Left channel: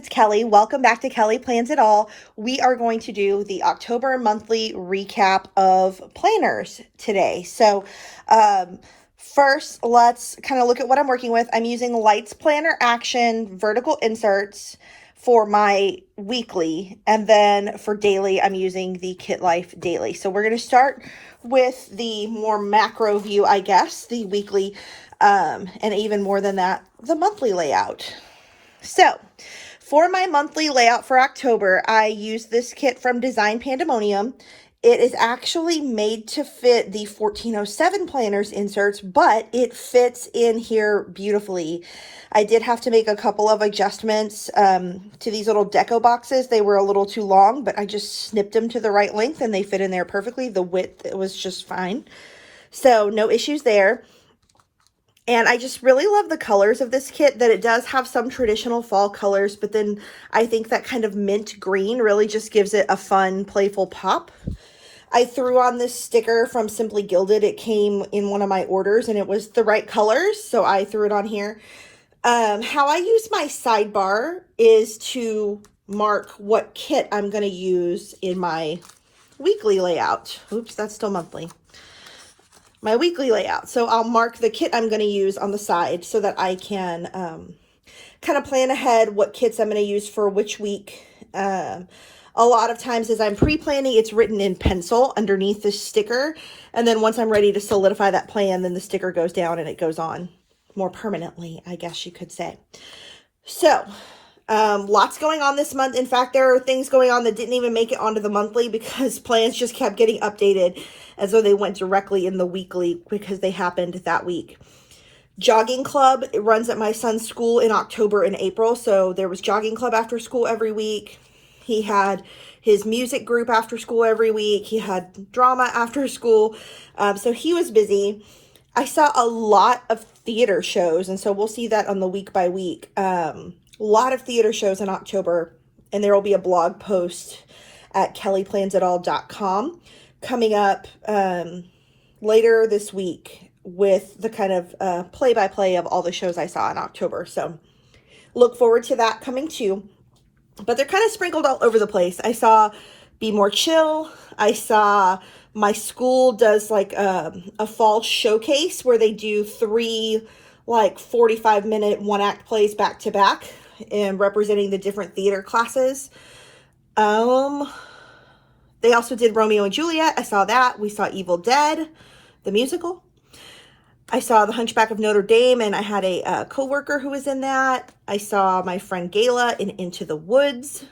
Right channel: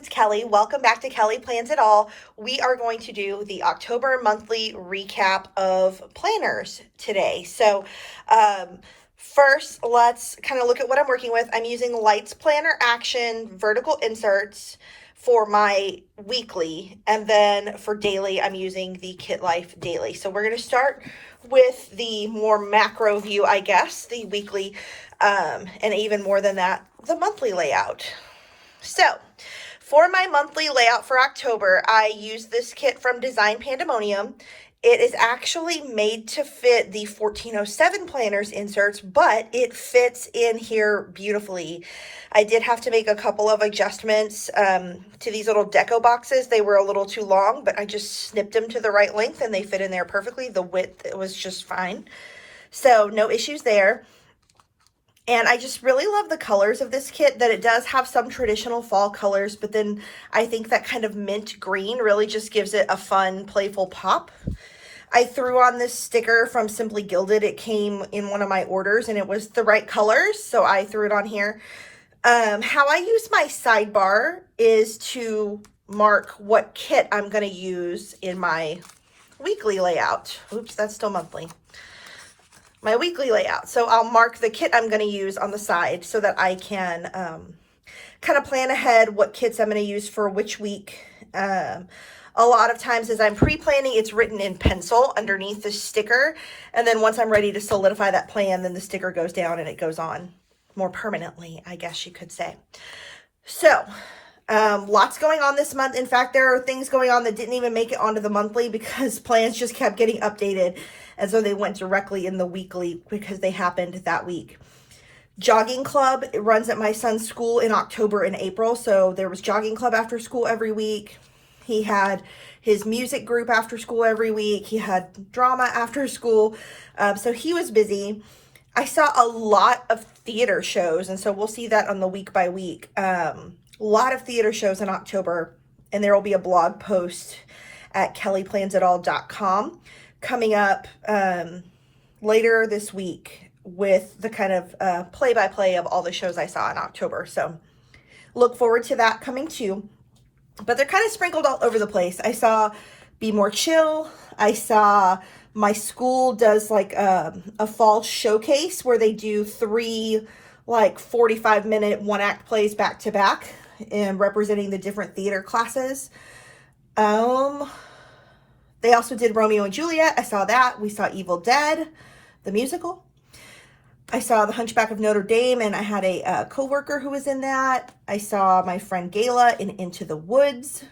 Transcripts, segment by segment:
it's Kelly. Welcome back to Kelly Plans It All. We are going to do the October monthly recap of planners today. First, let's kind of look at what I'm working with. I'm using Lights Planner Action vertical inserts for my weekly, and then for daily, I'm using the kitlife daily. So we're going to start with the more macro view, I guess, the weekly, and even more than that, the monthly layout. So, for my monthly layout for October, I use this kit from Design Pandemonium. It is actually made to fit the 1407 planners inserts, but it fits in here beautifully. I did have to make a couple of adjustments to these little deco boxes. They were a little too long, but I just snipped them to the right length and they fit in there perfectly. The width was just fine. So no issues there. And I just really love the colors of this kit, that it does have some traditional fall colors, but then I think that kind of mint green really just gives it a fun, playful pop. I threw on this sticker from Simply Gilded. It came in one of my orders and it was the right colors, so I threw it on here. How I use my sidebar is to mark what kit I'm going to use in my weekly layout. Oops, that's still monthly. My weekly layout. So I'll mark the kit I'm going to use on the side so that I can kind of plan ahead what kits I'm going to use for which week. A lot of times as I'm pre-planning, it's written in pencil underneath the sticker. And then once I'm ready to solidify that plan, then the sticker goes down and it goes on more permanently, I guess you could say. So lots going on this month. In fact, there are things going on that didn't even make it onto the monthly because plans just kept getting updated. And so they went directly in the weekly because they happened that week. Jogging club, it runs at my son's school in October and April. So there was jogging club after school every week. He had his music group after school every week. He had drama after school. So he was busy. I saw a lot of theater shows. And so we'll see that on the week by week. A lot of theater shows in October. And there will be a blog post at kellyplansitall.com coming up later this week with the kind of play-by-play of all the shows I saw in October. So look forward to that coming too. But they're kind of sprinkled all over the place. I saw Be More Chill. I saw my school does like a fall showcase where they do 3 like 45-minute one-act plays back to back and representing the different theater classes. They also did Romeo and Juliet. I saw that. We saw Evil Dead, the musical. I saw The Hunchback of Notre Dame, and I had a coworker who was in that. I saw my friend Gayla in Into the Woods.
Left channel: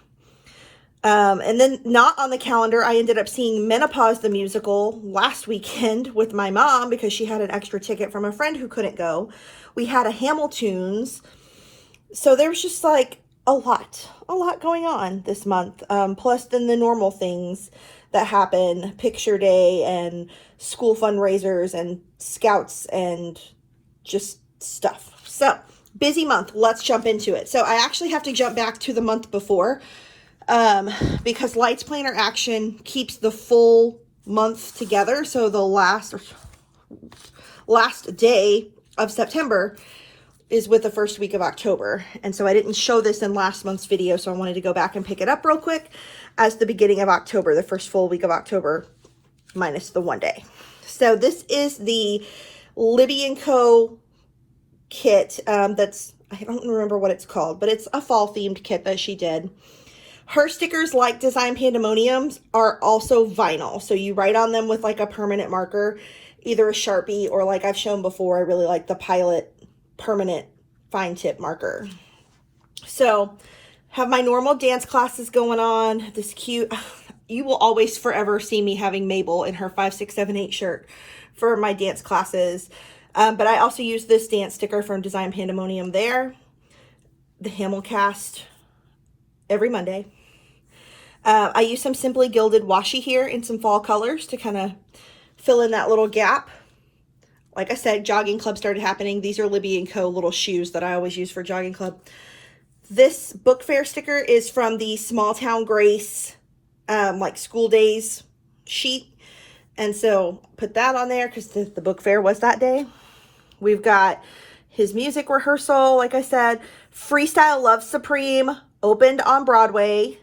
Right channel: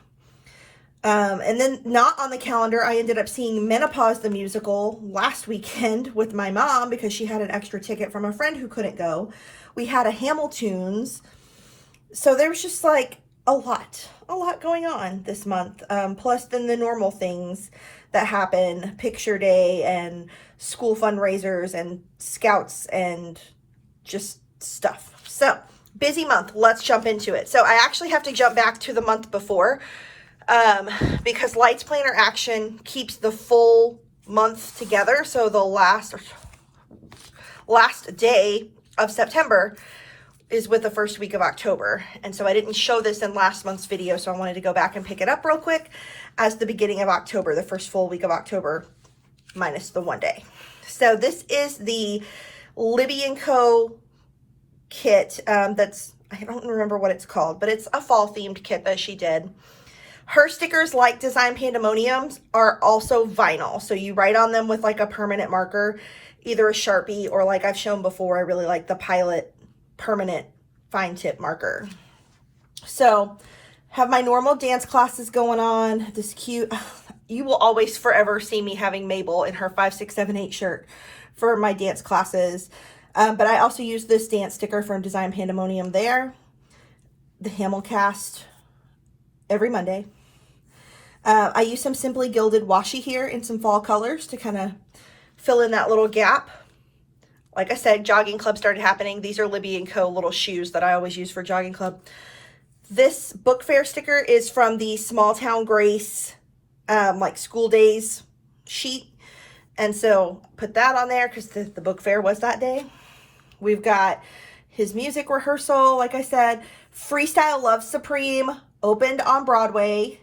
And then not on the calendar, I ended up seeing Menopause the musical last weekend with my mom because she had an extra ticket from a friend who couldn't go. We had a Hamilton's. So there's just like a lot going on this month. Plus then the normal things that happen, picture day and school fundraisers and scouts and just stuff. So busy month. Let's jump into it. So I actually have to jump back to the month before because Lights Planner Action keeps the full month together. So the last day of September is with the first week of October. And so I didn't show this in last month's video, so I wanted to go back and pick it up real quick as the beginning of October, the first full week of October, minus the one day. So this is the Libby & Co. kit. I don't remember what it's called, but it's a fall themed kit that she did. Her stickers, like Design Pandemoniums, are also vinyl. So you write on them with like a permanent marker, either a Sharpie or like I've shown before, I really like the Pilot permanent fine tip marker. So have my normal dance classes going on. This cute, you will always forever see me having Mabel in her 5, 6, 7, 8 shirt for my dance classes. But I also use this dance sticker from Design Pandemonium there. The Hamilcast every Monday. I use some Simply Gilded washi here in some fall colors to kind of fill in that little gap. Like I said, jogging club started happening. These are Libby & Co. little shoes that I always use for jogging club. This book fair sticker is from the Small Town Grace, like school days sheet. And so put that on there because the book fair was that day. We've got his music rehearsal, like I said. Freestyle Love Supreme opened on Broadway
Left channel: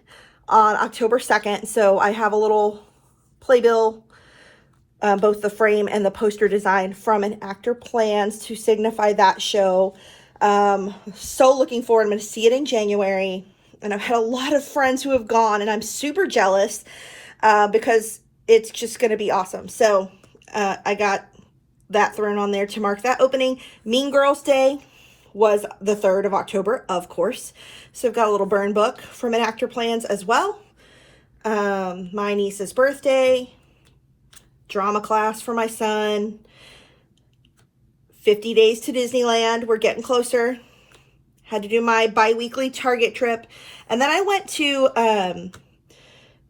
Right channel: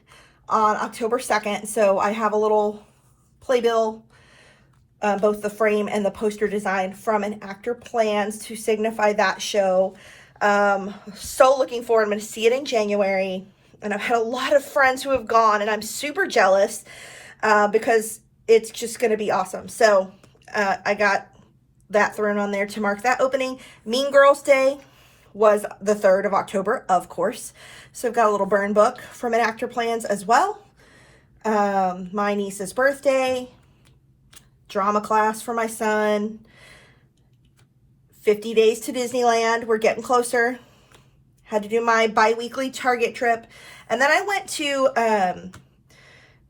on October 2nd. So I have a little playbill, both the frame and the poster design from an actor plans to signify that show. So looking forward. I'm going to see it in January. And I've had a lot of friends who have gone, and I'm super jealous because it's just going to be awesome. So I got that thrown on there to mark that opening. Mean Girls Day was the 3rd of October, of course. So I've got a little burn book from an actor plans as well. My niece's birthday, drama class for my son, 50 days to Disneyland. We're getting closer. Had to do my bi-weekly Target trip. And then I went to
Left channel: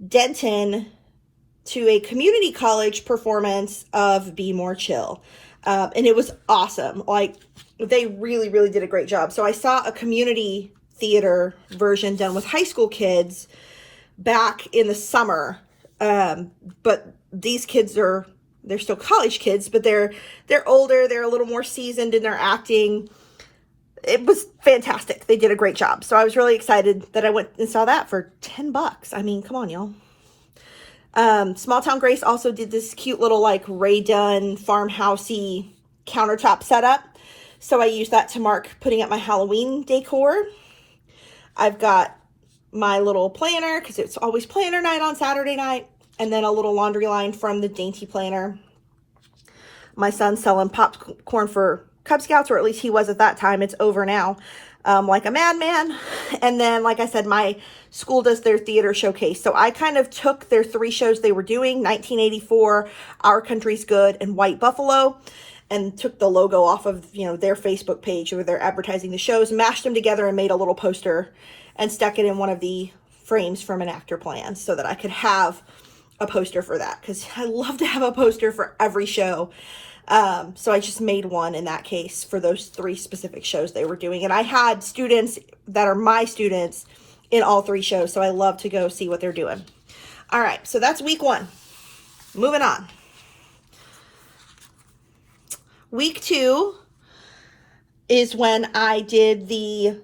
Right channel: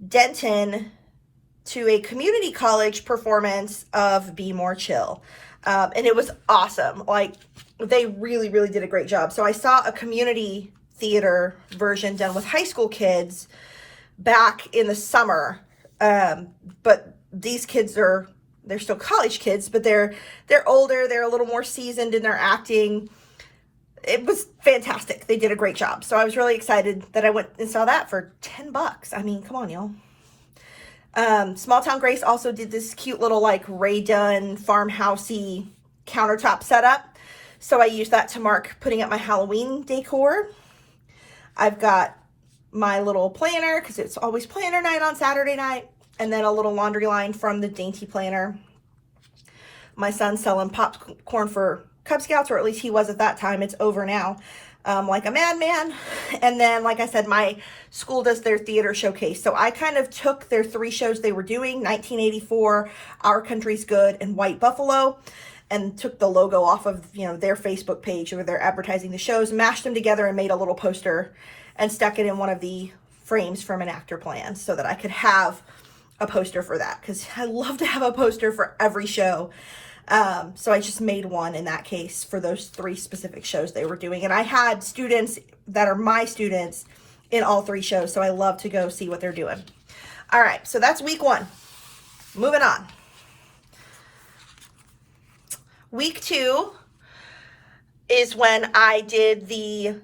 Denton to a community college performance of Be More Chill. And it was awesome. Like, they really, really did a great job. So I saw a community theater version done with high school kids back in the summer. But these kids they're still college kids, but they're older. They're a little more seasoned in their acting. It was fantastic. They did a great job. So I was really excited that I went and saw that for $10. I mean, come on, y'all. Small Town Grace also did this cute little like Ray Dunn farmhousey countertop setup. So I used that to mark putting up my Halloween decor. I've got my little planner because it's always planner night on Saturday night. And then a little laundry line from the Dainty Planner. My son's selling popcorn for Cub Scouts, or at least he was at that time. It's over now. Like a madman. And then, like I said, my school does their theater showcase. So I kind of took their 3 shows they were doing, 1984, Our Country's Good, and White Buffalo, and took the logo off of, their Facebook page where they're advertising the shows, mashed them together and made a little poster and stuck it in one of the frames from an actor plan so that I could have a poster for that, because I love to have a poster for every show. So I just made one in that case for those 3 specific shows they were doing. And I had students that are my students in all 3 shows. So I love to go see what they're doing. All right. So that's week 1. Moving on. Week 2 is when I did the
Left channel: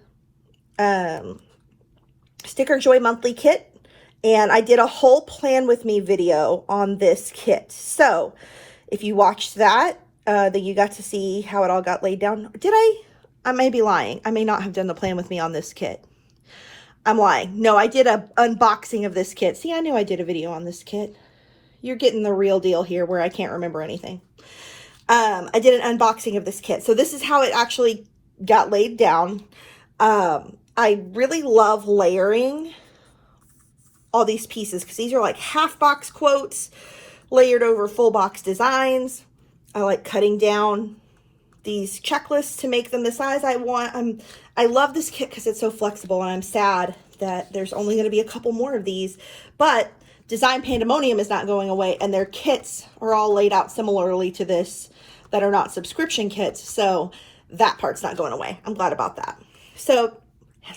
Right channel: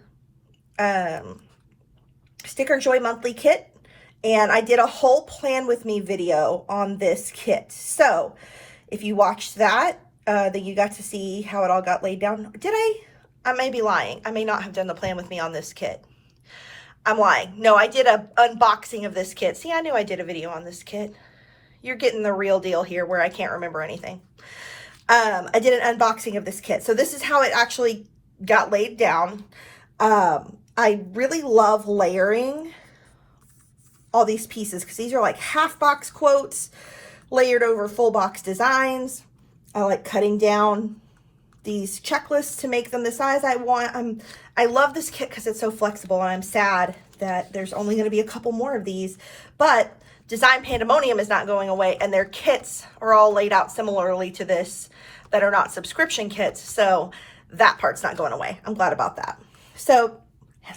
Sticker Joy Monthly Kit. And I did a whole plan with me video on this kit. So if you watched that, then you got to see how it all got laid down. Did I? I may be lying. I may not have done the plan with me on this kit. I'm lying. No, I did an unboxing of this kit. See, I knew I did a video on this kit. You're getting the real deal here where I can't remember anything. I did an unboxing of this kit. So this is how it actually got laid down. I really love layering all these pieces because these are like half box quotes layered over full box designs. I like cutting down these checklists to make them the size I want. I love this kit because it's so flexible, and I'm sad that there's only going to be a couple more of these, but Design Pandemonium is not going away, and their kits are all laid out similarly to this that are not subscription kits. So that part's not going away. I'm glad about that. So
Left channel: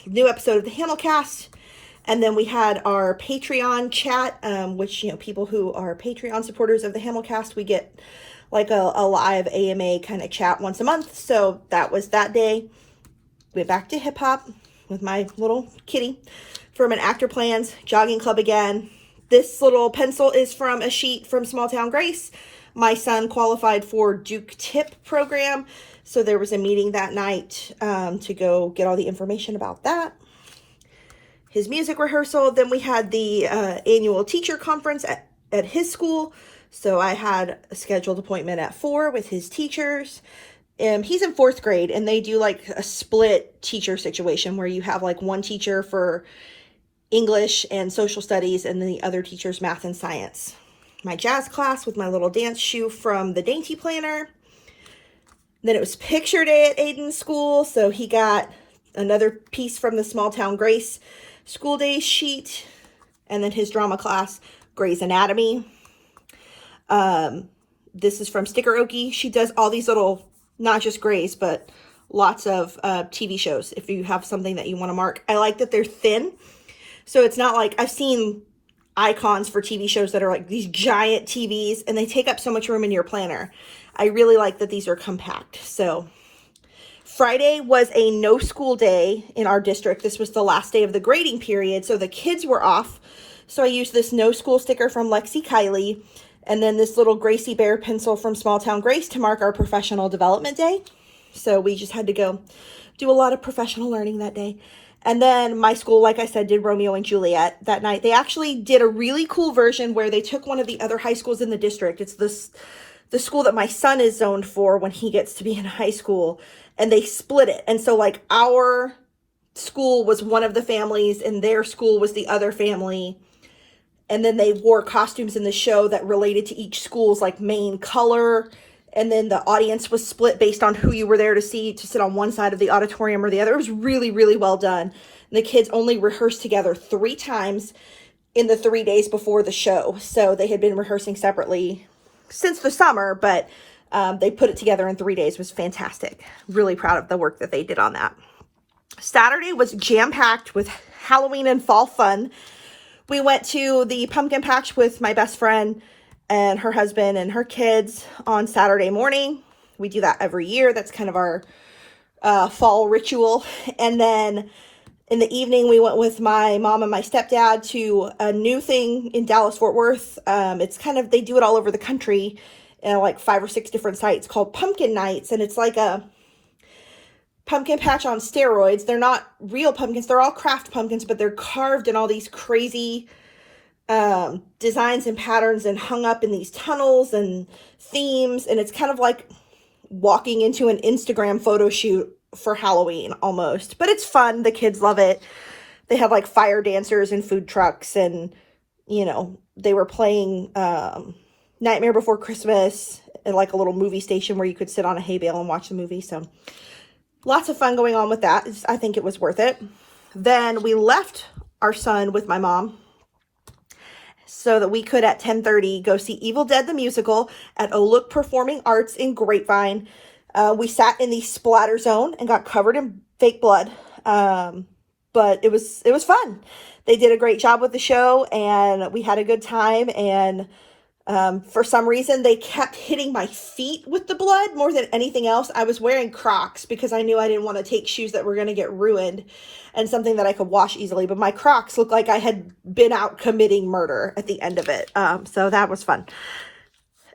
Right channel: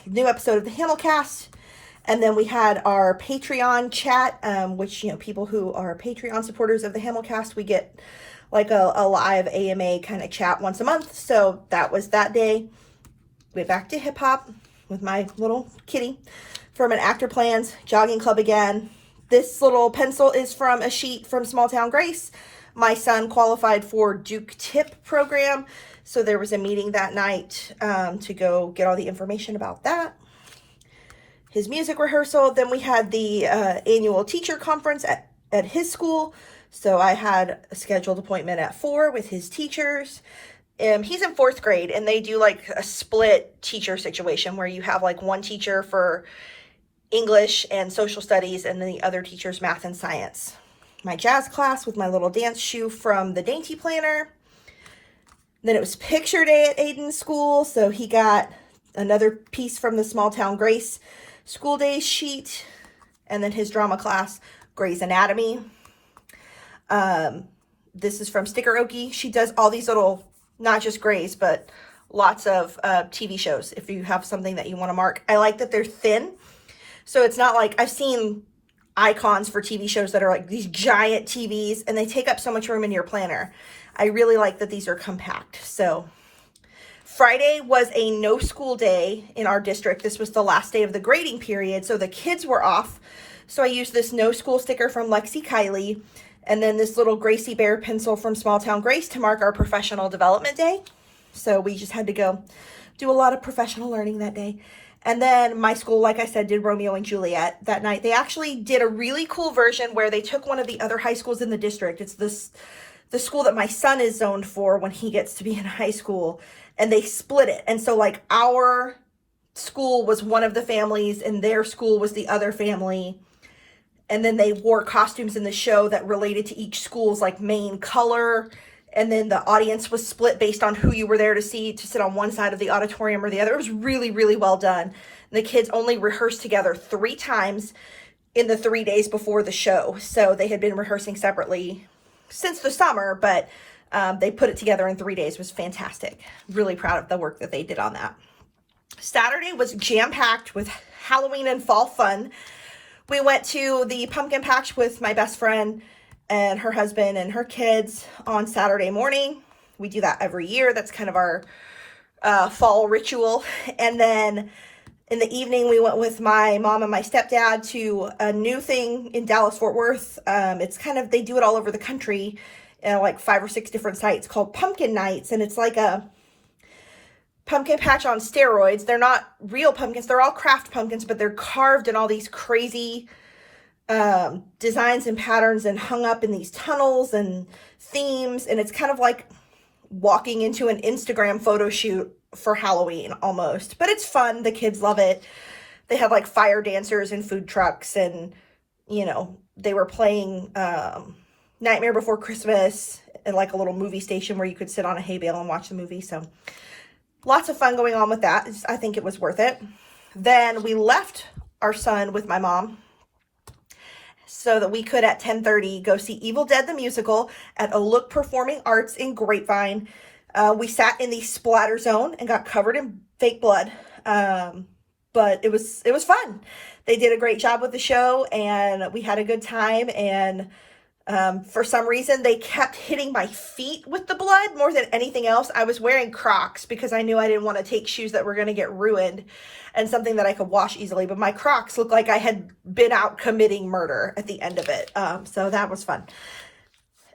new episode of the Hamilcast. And then we had our Patreon chat, which, people who are Patreon supporters of the Hamilcast, we get like a live AMA kind of chat once a month. So that was that day. Went back to hip hop with my little kitty from an actor plans jogging club again. This little pencil is from a sheet from Small Town Grace. My son qualified for Duke Tip program. So there was a meeting that night to go get all the information about that. His music rehearsal. Then we had the annual teacher conference at his school. So I had a scheduled appointment at 4 with his teachers. He's in 4th grade, and they do like a split teacher situation where you have like one teacher for English and social studies, and then the other teacher's math and science. My jazz class with my little dance shoe from the Dainty Planner. Then it was picture day at Aiden's school. So he got another piece from the Small Town Grace school day sheet, and then his drama class, Grey's Anatomy. This is from Sticker Okie. She does all these little, not just Grey's, but lots of TV shows if you have something that you want to mark. I like that they're thin. So it's not like, I've seen icons for TV shows that are like these giant TVs and they take up so much room in your planner. I really like that these are compact. So Friday was a no school day in our district. This was the last day of the grading period, so the kids were off. So I used this no school sticker from Lexi Kylie, and then this little Gracie Bear pencil from Small Town Grace to mark our professional development day. So we just had to go do a lot of professional learning that day. And then my school, like I said, did Romeo and Juliet that night. They actually did a really cool version where they took one of the other high schools in the district. It's the school that my son is zoned for when he gets to be in high school, and they split it. And so like our school was one of the families and their school was the other family. And then they wore costumes in the show that related to each school's like main color. And then the audience was split based on who you were there to see, to sit on one side of the auditorium or the other. It was really, really well done. And the kids only rehearsed together 3 times in the 3 days before the show. So they had been rehearsing separately since the summer, but they put it together in 3 days. It was fantastic. Really proud of the work that they did on that. Saturday was jam-packed with Halloween and fall fun. We went to the pumpkin patch with my best friend and her husband and her kids on Saturday morning. We do that every year. That's kind of our fall ritual. And then in the evening, we went with my mom and my stepdad to a new thing in Dallas, Fort Worth. It's kind of, they do it all over the country in like 5 or 6 different sites called Pumpkin Nights. And it's like a pumpkin patch on steroids. They're not real pumpkins. They're all craft pumpkins, but they're carved in all these crazy designs and patterns and hung up in these tunnels and themes. And it's kind of like walking into an Instagram photo shoot for Halloween almost, but it's fun. The kids love it. They had like fire dancers and food trucks, and you know, they were playing Nightmare Before Christmas at like a little movie station where you could sit on a hay bale and watch the movie. So lots of fun going on with that. I think it was worth it. Then we left our son with my mom so that we could at 10:30 go see Evil Dead the musical at Look Performing Arts in Grapevine. We sat in the splatter zone and got covered in fake blood. But it was fun. They did a great job with the show and we had a good time. And for some reason, they kept hitting my feet with the blood more than anything else. I was wearing Crocs because I knew I didn't want to take shoes that were going to get ruined and something that I could wash easily. But my Crocs looked like I had been out committing murder at the end of it. So that was fun.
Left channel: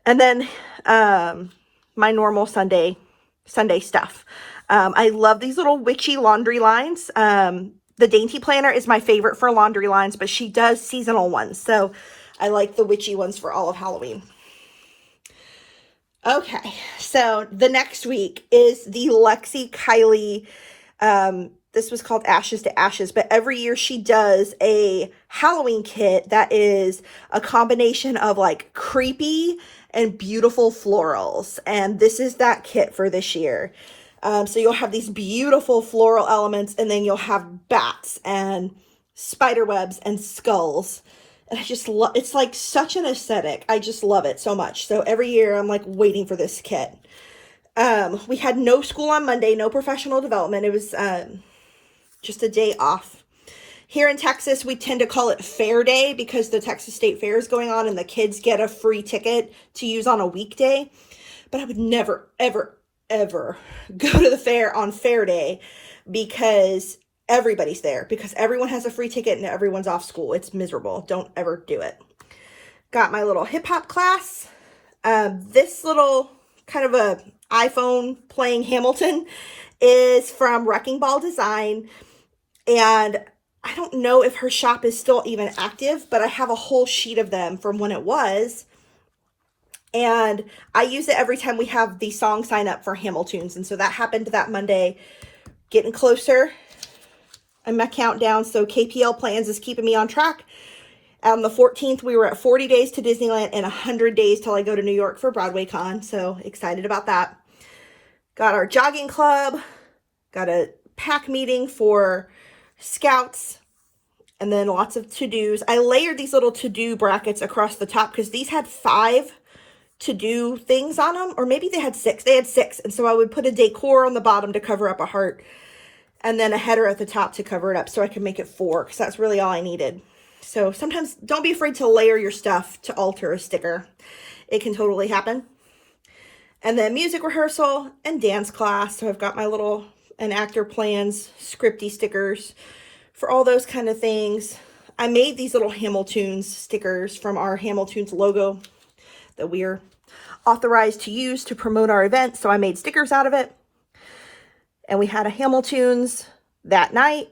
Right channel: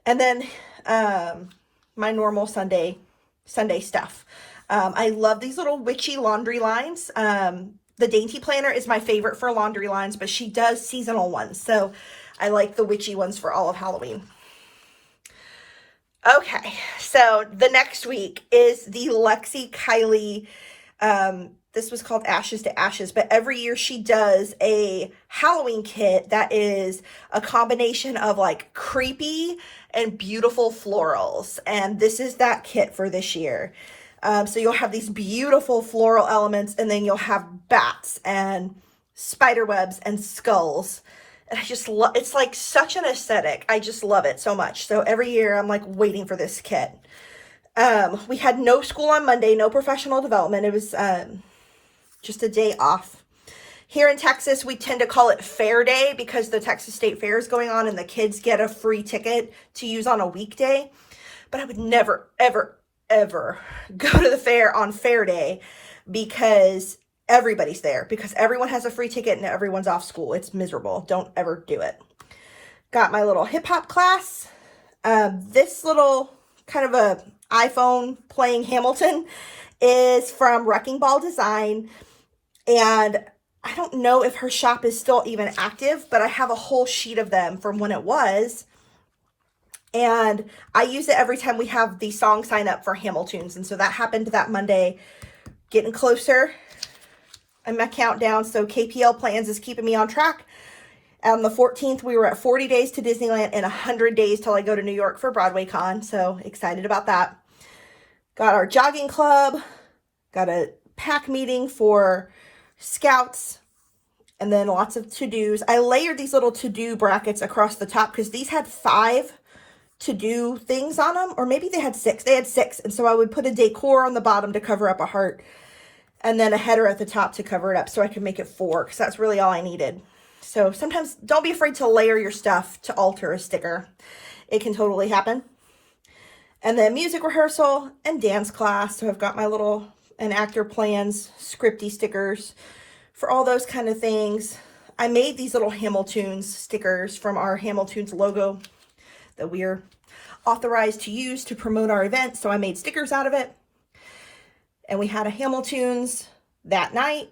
And then my normal Sunday stuff. I love these little witchy laundry lines. The Dainty Planner is my favorite for laundry lines, but she does seasonal ones. So I like the witchy ones for all of Halloween. Okay, so the next week is the Lexi Kylie, this was called Ashes to Ashes, but every year she does a Halloween kit that is a combination of like creepy and beautiful florals. And this is that kit for this year. So you'll have these beautiful floral elements, and then you'll have bats and spider webs and skulls. And I just love, it's like such an aesthetic. I just love it so much. So every year I'm like waiting for this kit. We had no school on Monday, no professional development. It was just a day off. Here in Texas, we tend to call it Fair Day because the Texas State Fair is going on and the kids get a free ticket to use on a weekday. But I would never, ever, ever go to the fair on Fair Day because everybody's there, because everyone has a free ticket and everyone's off school. It's miserable. Don't ever do it. Got my little hip hop class. This little kind of a iPhone playing Hamilton is from Wrecking Ball Design. And I don't know if her shop is still even active, but I have a whole sheet of them from when it was. And I use it every time we have the song sign up for Hamiltunes. And so that happened that Monday. Getting closer in my countdown. So KPL Plans is keeping me on track. On the 14th, we were at 40 days to Disneyland and 100 days till I go to New York for Broadway Con. So excited about that. Got our jogging club. Got a pack meeting for Scouts. And then lots of to-dos. I layered these little to-do brackets across the top because these had 5 to-do things on them. Or maybe they had 6. They had 6. And so I would put a decor on the bottom to cover up a heart. And then a header at the top to cover it up so I could make it 4 because that's really all I needed. So sometimes don't be afraid to layer your stuff to alter a sticker. It can totally happen. And then music rehearsal and dance class. So I've got my little and actor plans, scripty stickers for all those kind of things. I made these little Hamiltunes stickers from our Hamiltunes logo that we're authorized to use to promote our event. So I made stickers out of it. And we had a Hamiltunes that night.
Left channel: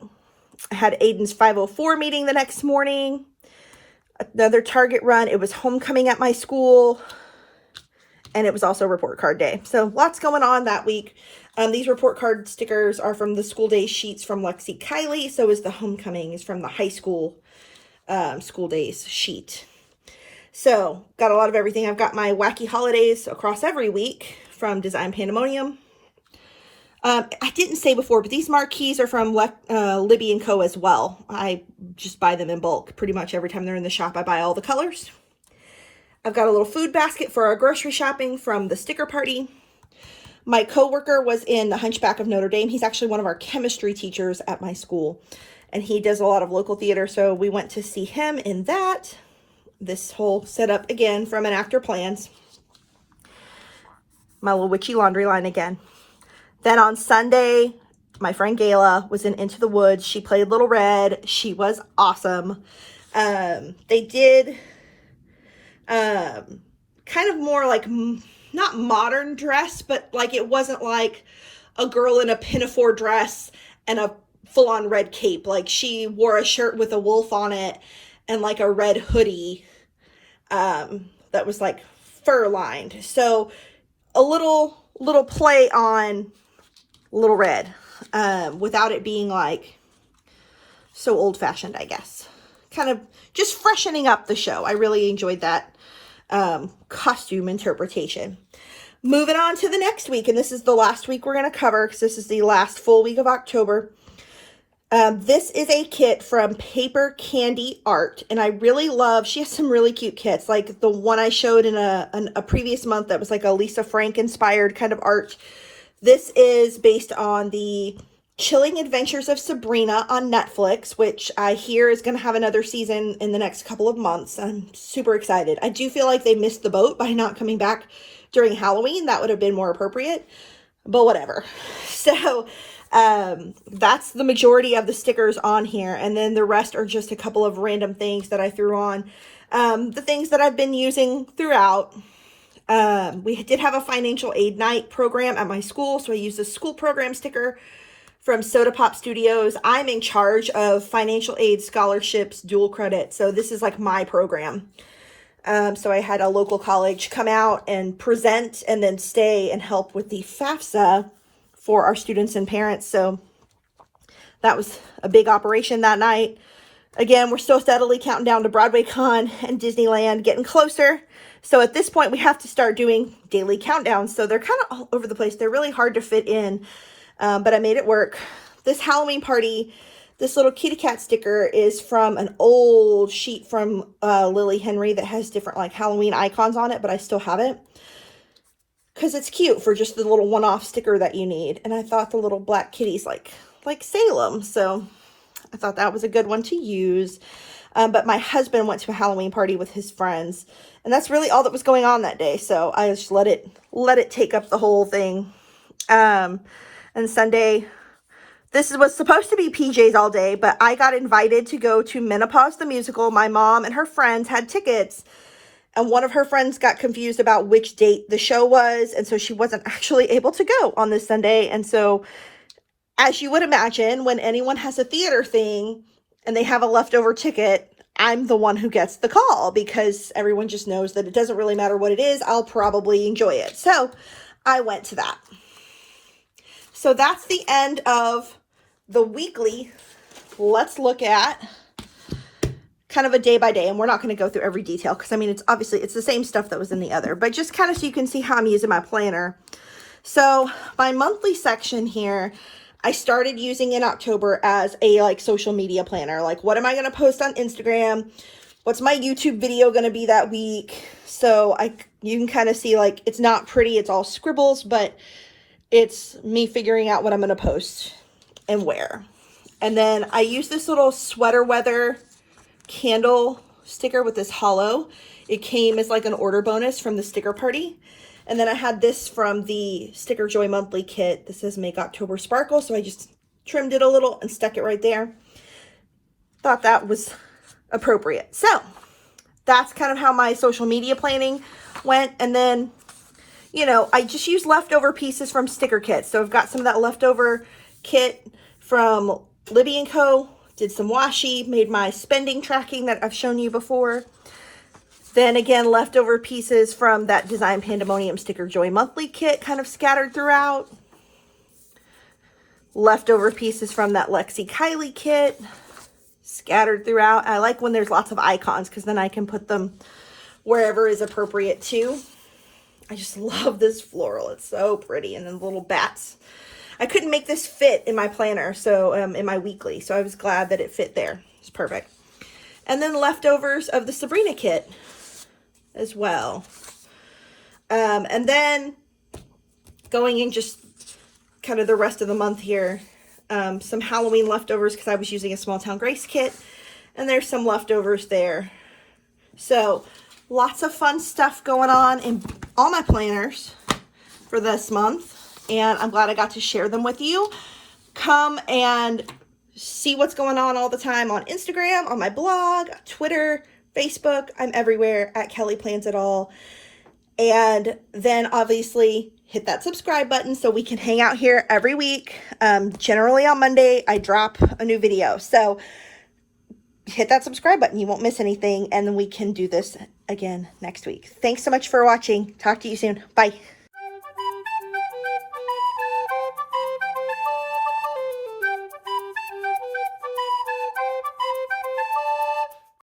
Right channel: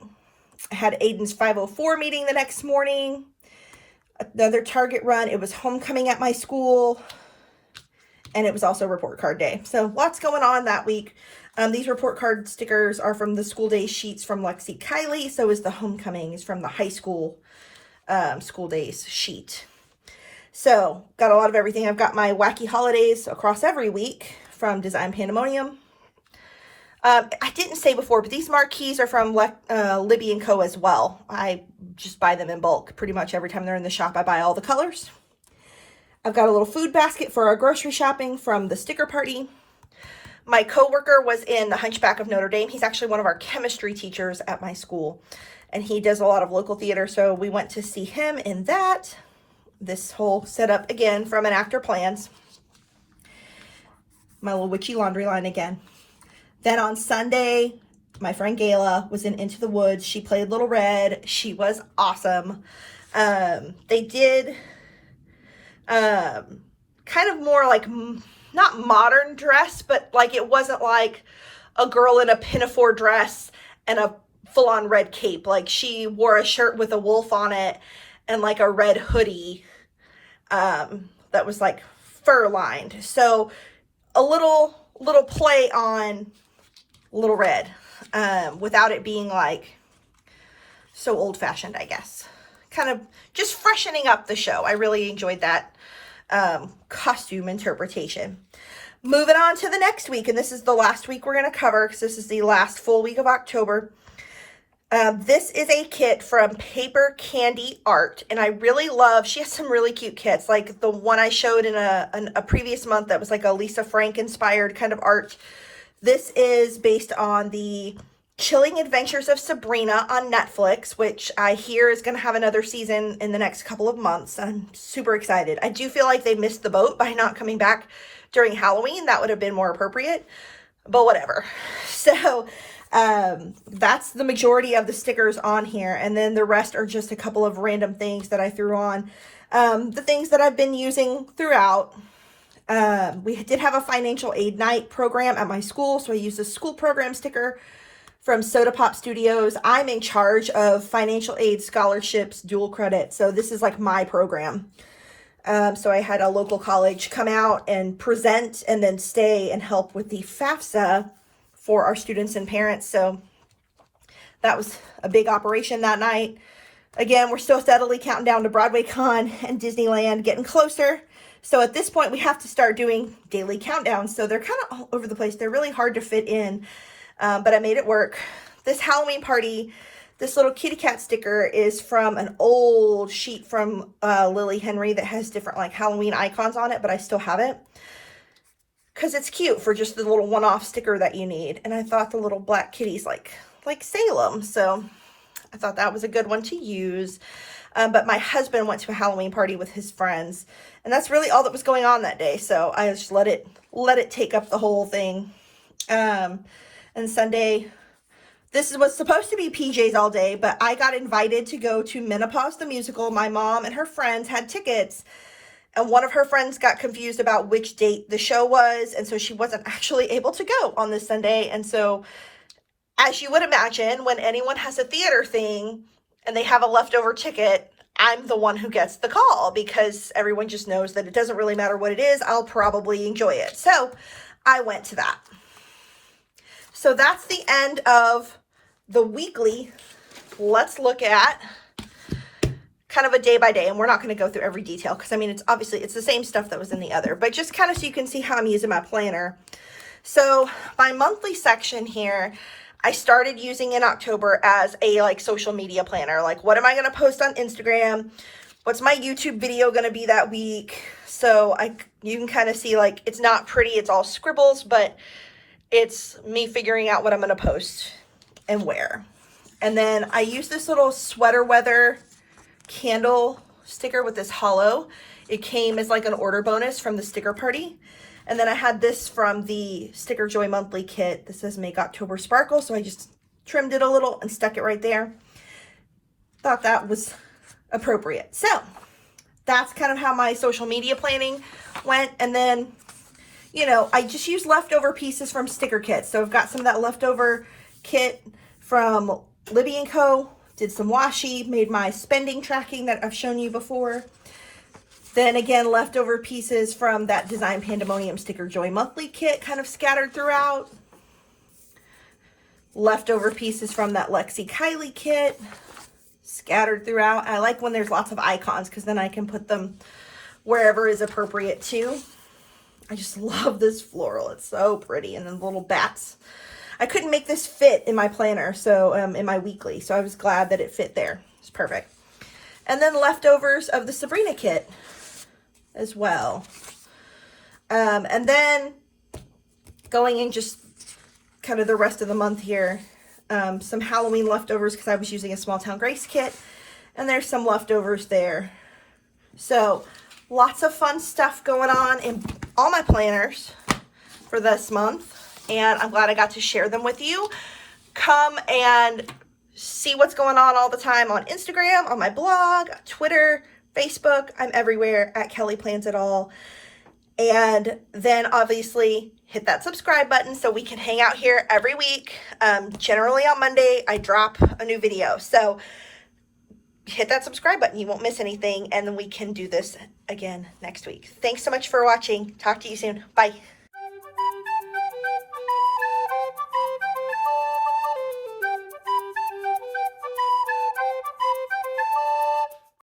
I had Aiden's 504 meeting the next morning. Another Target run. It was homecoming at my school. And it was also report card day. So lots going on that week. These report card stickers are from the school day sheets from Lexi Kylie. So is the homecoming is from the high school school days sheet. So got a lot of everything. I've got my wacky holidays across every week from Design Pandemonium. I didn't say before, but these marquees are from Libby & Co. as well. I just buy them in bulk. Pretty much every time they're in the shop, I buy all the colors. I've got a little food basket for our grocery shopping from the sticker party. My coworker was in the Hunchback of Notre Dame. He's actually one of our chemistry teachers at my school, and he does a lot of local theater, so we went to see him in that. This whole setup, again, from an actor plans. My little witchy laundry line again. Then on Sunday, my friend Gayla was in Into the Woods. She played Little Red. She was awesome. They did kind of more like, not modern dress, but like it wasn't like a girl in a pinafore dress and a full-on red cape. Like she wore a shirt with a wolf on it and like a red hoodie that was like fur lined. So a little play on Little Red without it being like so old-fashioned, I guess. Kind of just freshening up the show. I really enjoyed that costume interpretation. Moving on to the next week, and this is the last week we're going to cover because this is the last full week of October. This is a kit from Paper Candy Art, and I really love, she has some really cute kits, like the one I showed in a previous month that was like a Lisa Frank inspired kind of art. This is based on the Chilling Adventures of Sabrina on Netflix, which I hear is going to have another season in the next couple of months. I'm super excited. I do feel like they missed the boat by not coming back during Halloween. That would have been more appropriate, but whatever. So that's the majority of the stickers on here. And then the rest are just a couple of random things that I threw on. The things that I've been using throughout. We did have a financial aid night program at my school, so I used a school program sticker from Soda Pop Studios. I'm in charge of financial aid scholarships, dual credit. So this is like my program. So I had a local college come out and present and then stay and help with the FAFSA for our students and parents. So that was a big operation that night. Again, we're still steadily counting down to Broadway Con and Disneyland, getting closer. So at this point, we have to start doing daily countdowns. So they're kind of all over the place. They're really hard to fit in. But I made it work. This Halloween party, this little kitty cat sticker is from an old sheet from Lily Henry that has different like Halloween icons on it, but I still have it because it's cute for just the little one-off sticker that you need. And I thought the little black kitty's like Salem, so I thought that was a good one to use. But my husband went to a Halloween party with his friends, and that's really all that was going on that day. So I just let it take up the whole thing. And Sunday, this was supposed to be PJs all day, but I got invited to go to Menopause the Musical. My mom and her friends had tickets, and one of her friends got confused about which date the show was, and so she wasn't actually able to go on this Sunday. And so, as you would imagine, when anyone has a theater thing and they have a leftover ticket, I'm the one who gets the call because everyone just knows that it doesn't really matter what it is. I'll probably enjoy it. So I went to that. So that's the end of the weekly. Let's look at kind of a day by day, and we're not going to go through every detail because I mean, it's the same stuff that was in the other, but just kind of so you can see how I'm using my planner. So my monthly section here, I started using in October as a like social media planner. Like, what am I going to post on Instagram? What's my YouTube video going to be that week? So you can kind of see like, it's not pretty. It's all scribbles, but it's me figuring out what I'm going to post and where. And then I use this little sweater weather candle sticker with this hollow. It came as like an order bonus from the sticker party. And then I had this from the Sticker Joy Monthly kit. This says Make October Sparkle, so I just trimmed it a little and stuck it right there. Thought that was appropriate. So that's kind of how my social media planning went. And then, you know, I just used leftover pieces from sticker kits. So I've got some of that leftover kit from Libby & Co. Did some washi, made my spending tracking that I've shown you before. Then again, leftover pieces from that Design Pandemonium Sticker Joy Monthly kit kind of scattered throughout. Leftover pieces from that Lexi Kylie kit scattered throughout. I like when there's lots of icons because then I can put them wherever is appropriate too. I just love this floral. It's so pretty. And then the little bats. I couldn't make this fit in my planner, so in my weekly, so I was glad that it fit there. It's perfect. And then leftovers of the Sabrina kit as well. And then going in just kind of the rest of the month here, some Halloween leftovers because I was using a Small Town Grace kit, and there's some leftovers there. So lots of fun stuff going on in all my planners for this month. And I'm glad I got to share them with you. Come and see what's going on all the time on Instagram, on my blog, Twitter, Facebook. I'm everywhere at Kelly Plans It All. And then obviously hit that subscribe button so we can hang out here every week. Generally on Monday, I drop a new video. So hit that subscribe button. You won't miss anything. And then we can do this again next week. Thanks so much for watching. Talk to you soon. Bye.